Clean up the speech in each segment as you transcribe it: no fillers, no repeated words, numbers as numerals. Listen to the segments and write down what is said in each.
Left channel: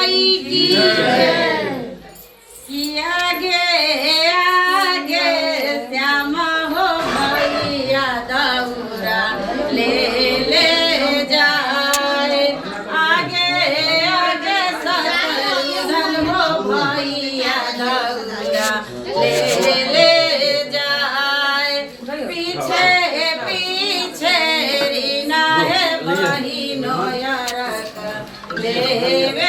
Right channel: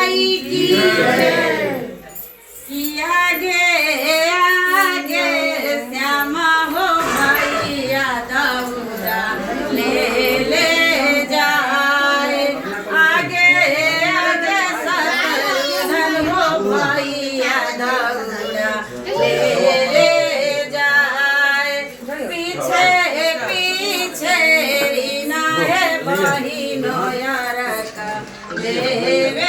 माई की आगे आगे श्यामा हो भैया दौरा ले ले जाए आगे आगे सतन हो भैया दौरा ले ले जाए पीछे पीछे रीना है बहिनो यार का देवे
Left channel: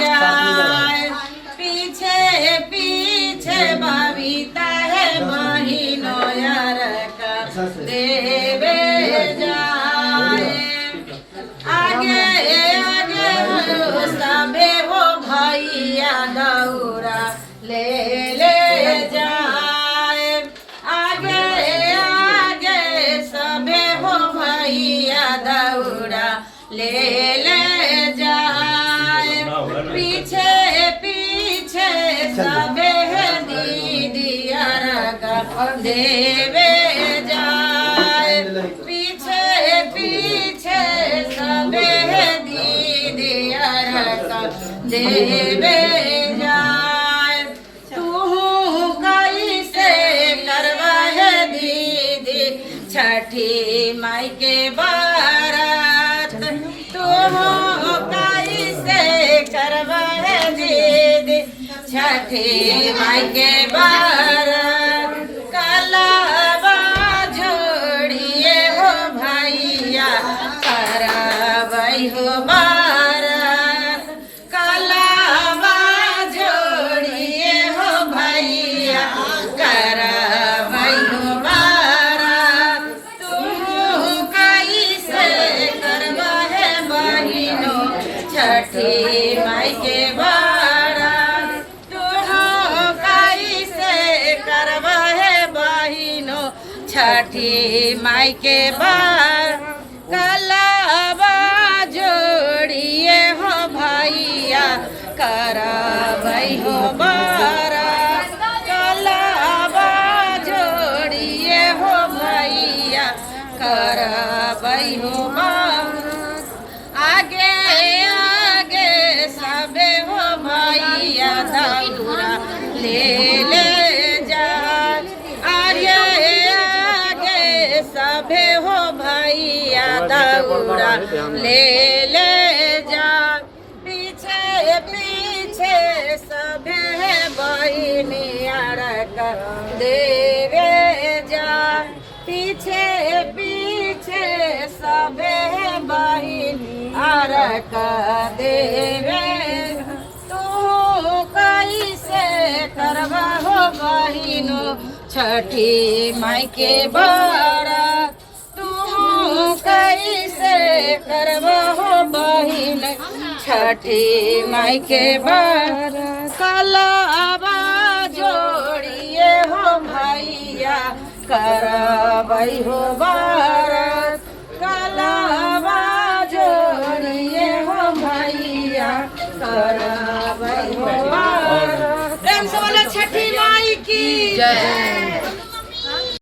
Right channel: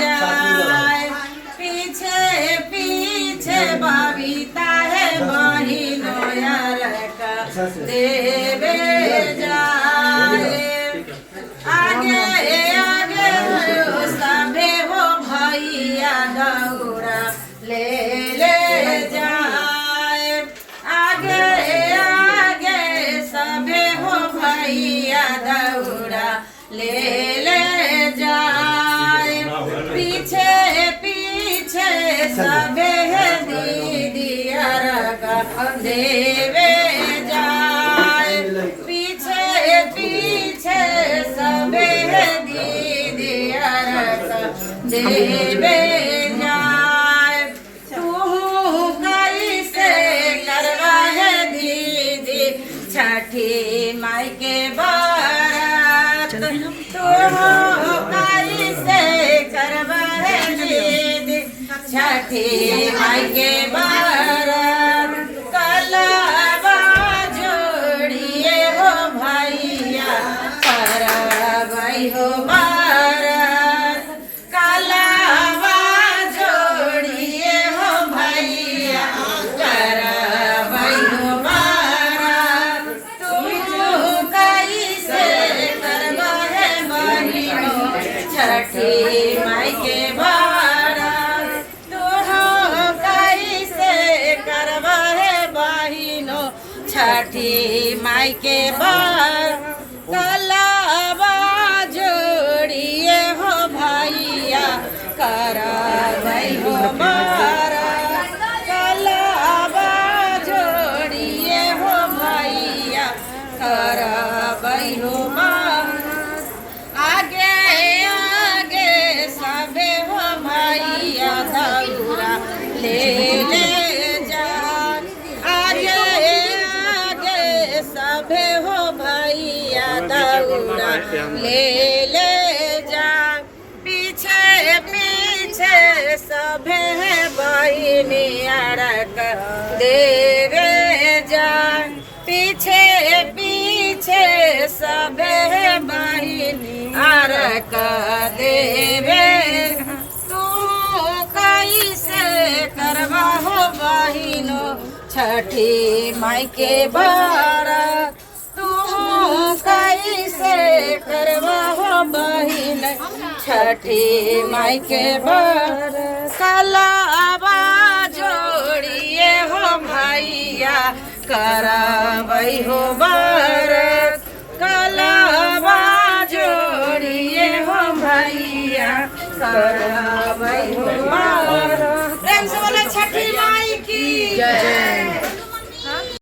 जाए पीछे पीछे बबीता है बहिनो यार का देवे जाए आगे आगे सबे हो भैया दौरा ले ले जाए आगे आगे सबे हो भैया दौरा ले ले जाए पीछे पीछे सबे है दीदी का देवे जाए पीछे पीछे सबे है दीदी का देवे जाए तू कैसे करवा है दीदी छठी माई के बारात तू कैसे करवा है दीदी छठी माई के बारात कलावा जोड़िए हो भैया करवाई हो बारात कलावा जोड़िए हो भैया करवाई हो बारात तू कैसे करवा है बहिनो छठी माई के बारात तू कैसे करवा है बहिनो छठी माई के बार कलावा जोड़िए हो भैया करवाई हो बारात कलावा जोड़िए हो भैया करवाई हो बारात आगे आगे सबे हो भैया दौरा ले ले जा आगे आगे सबे हो भैया दौरा ले ले जा पीछे पीछे सबे है बहिनिया का देवे जा पीछे पीछे सबे है बहिनिया का देवे तू कैसे करवा हो बहिनो छठी माई के बारात तू कैसे करवा हो बहिन छठी माई के बारात कलावा जोड़िए हो भैया करवाई हो बारात कलावा जोड़िए हो भैया करवाई हो बारात प्रेम से बोलो छठी माई की जय।